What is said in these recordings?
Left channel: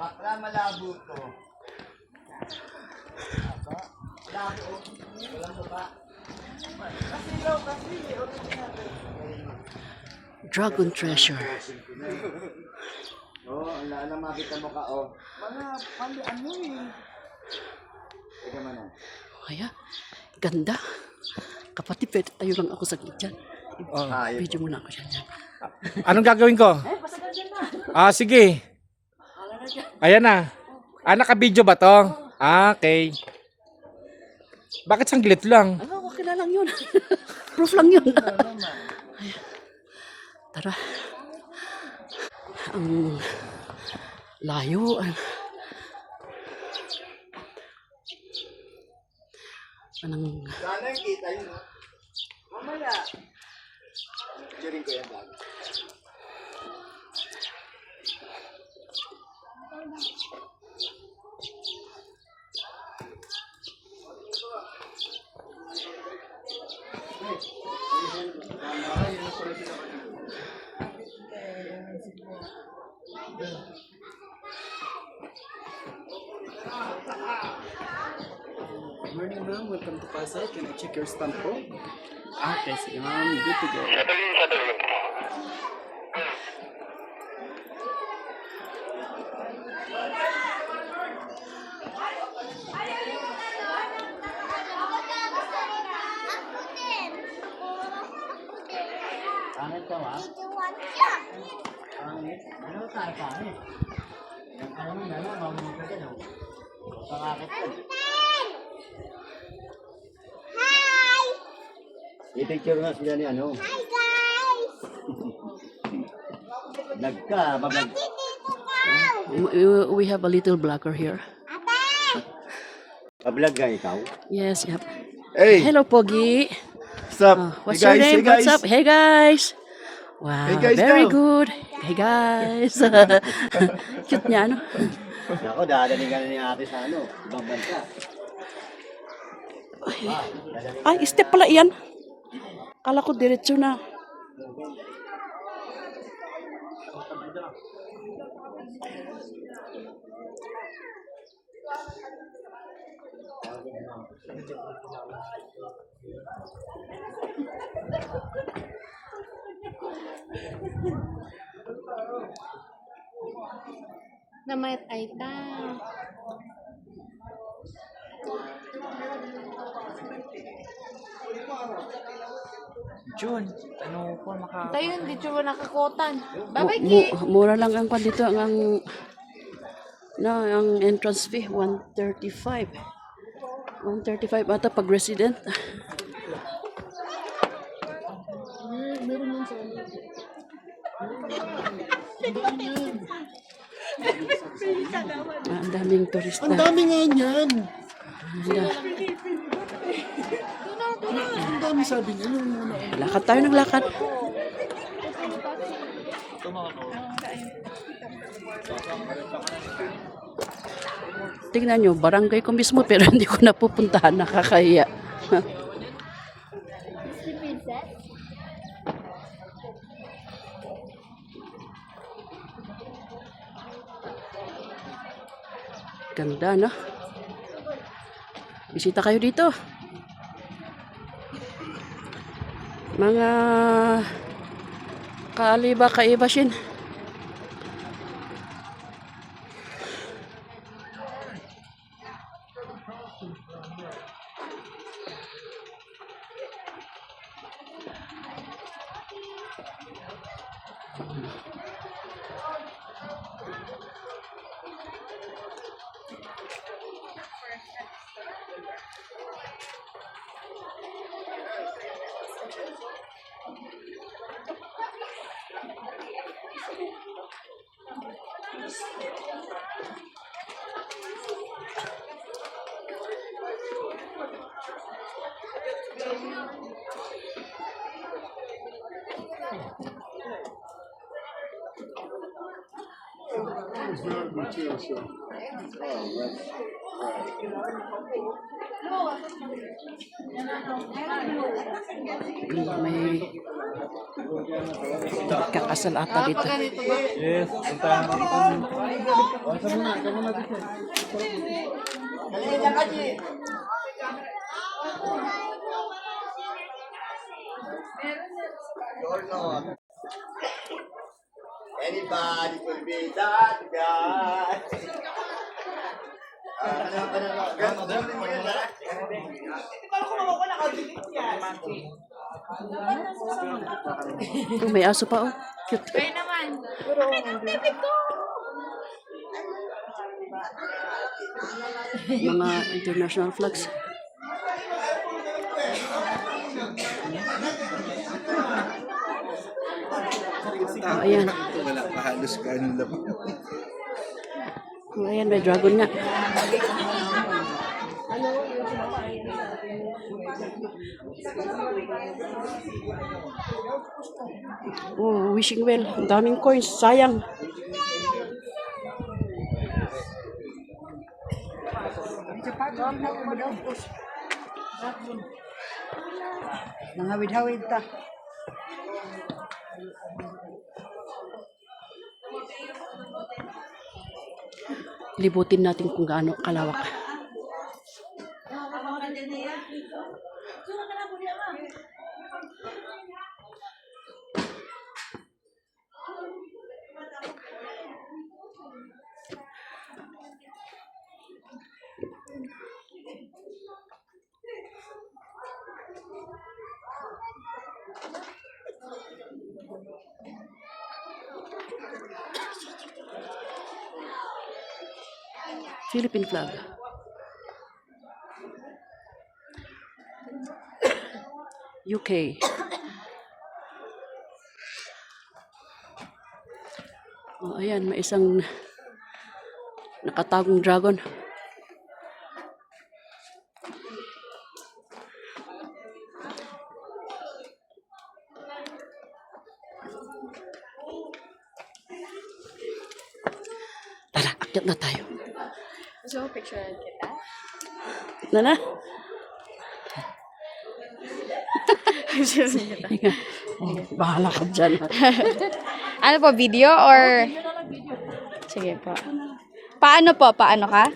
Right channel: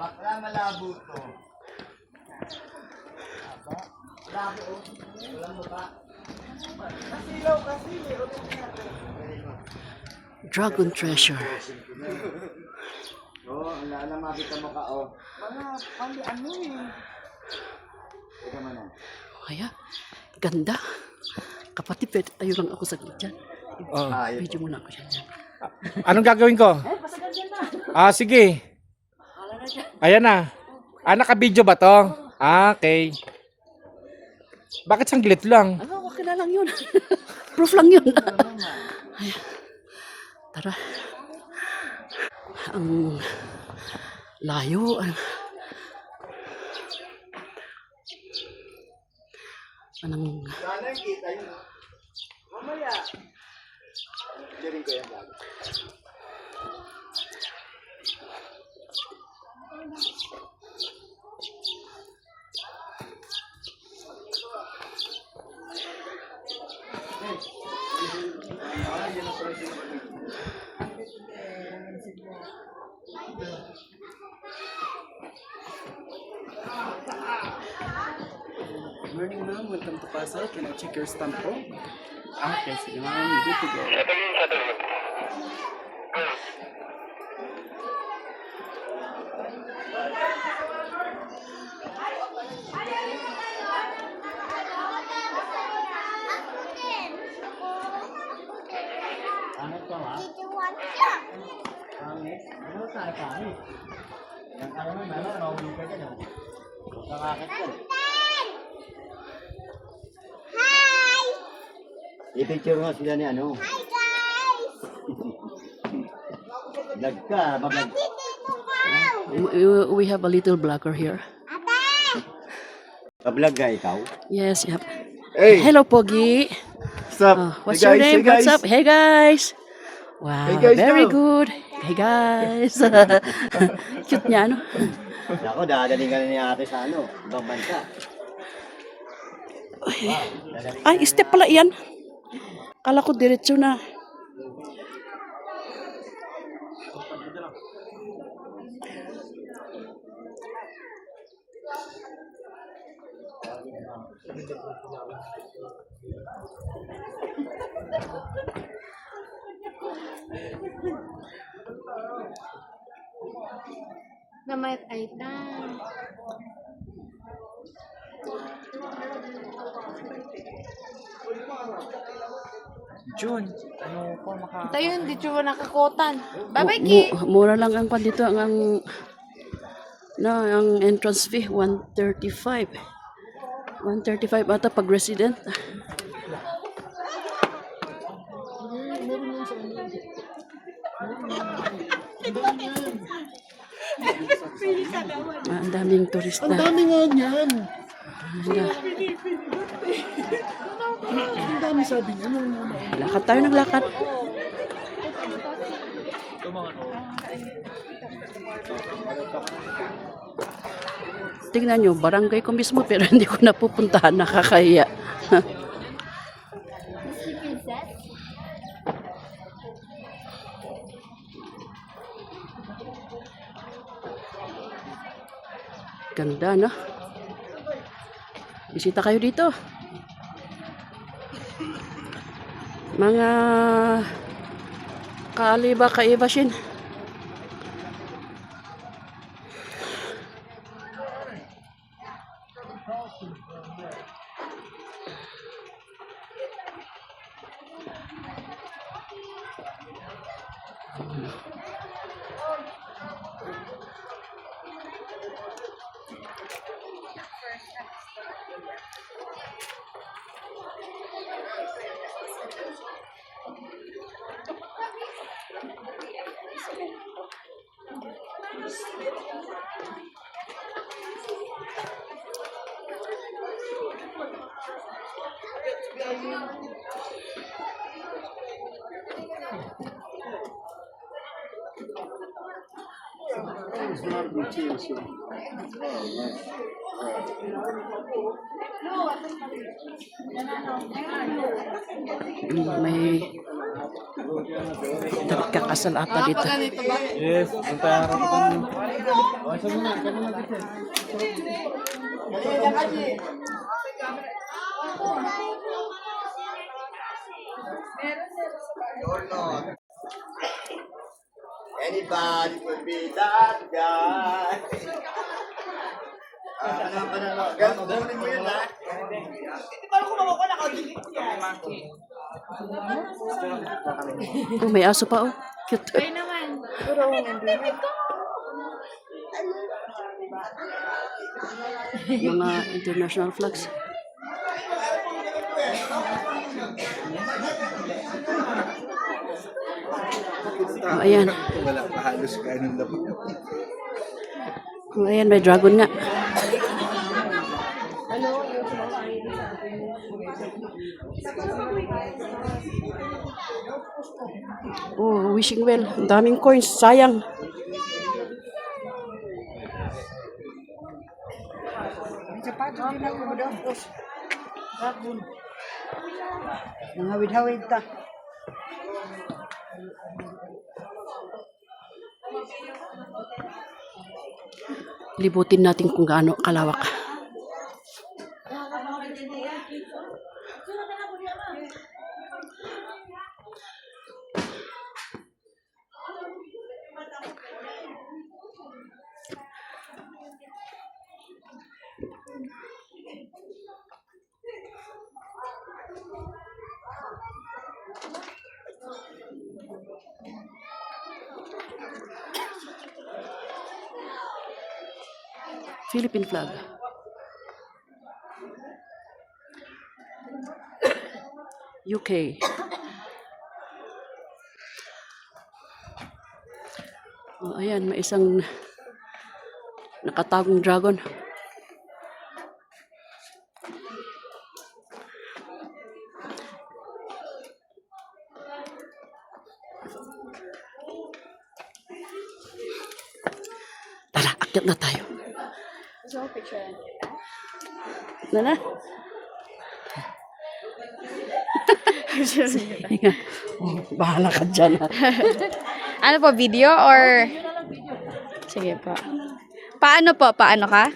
Bakla malabo to. Malabo. Kasilaw kasi. Dragon treasure. Oo, ang lala makita mo ka, oh. Mga pali ano eh. Teka man oh. Kaya, ganda. Kapatid, pwede tayo lang ako sa dyan. Video muna ako siya dyan. Anong gagawin ko? Pasagal dyan na. Sige. Ayan na. Naka-video ba to? Okay. Bakit sanglit lang? Okay na lang yun. Proof lang yun. Tara. Ang layo. Anong... Sana kita yun. Mamaya. Dirin ko yan vlog. Morning ma'am, welcome to Pasay. Can I check your stamp po? Okay, sige ma'am, good to go. Ano tayo ka eh? Yang kaya mo meron, mahulog ka dyan oh. Kakakit yan. I-picture nga sila ni ano. Hi guys! Vlog ka, mablog. We have a little blogger here. Mablog ka ikaw? Yes, yep. Hey! Hello, Pogi. What's up? What's your name? What's up? Hey, guys. Wow, Hey, guys, very daw. good. Hey, guys. Cute niya, ano? Ako, dadaling ka na ni ate sa ano, ibang bansa. Ay, step pala yan. Kala ko diretso na. Namayat ay ta. June, ano po maka... Tayo hindi ko nakakotan. Babay ki. Mura lang ang kwan dito ang entrance fee 135. 135 ata pag resident. Ang daming turista. Ang dami nga niyan. Ang dami sabi niya. Lakad tayo ng lakad. Tingnan nyo, barangay ko mismo pero hindi ko napupuntahan, nakakahiya. Ganda, no? Bisita kayo dito. Mga kaibashin. May kakasal ata dito. Yes, punta na Anybody could be that guy. Ganun mo yun, ha? Oh, may aso pa oh. Cute. Ay naman. Mga international flags. Oh, ayan. Wala, halos ka nung labi. Oh, ayan, may dragon nga. Oh, wishing well. Ang daming coins. Sayang. Nangawid-hawid ta. Libutin natin kung gaano kalawak. Philippine flag. UK. Oh, ayan, may isang nakatagong dragon. Tara, akyat na tayo. So, picture kita. Nana? Oh, bahala ka dyan. Ano po, video or? Sige po. Paano po? Paano ka?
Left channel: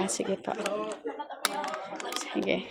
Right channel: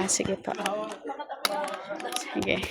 Ah, sige po. Sige.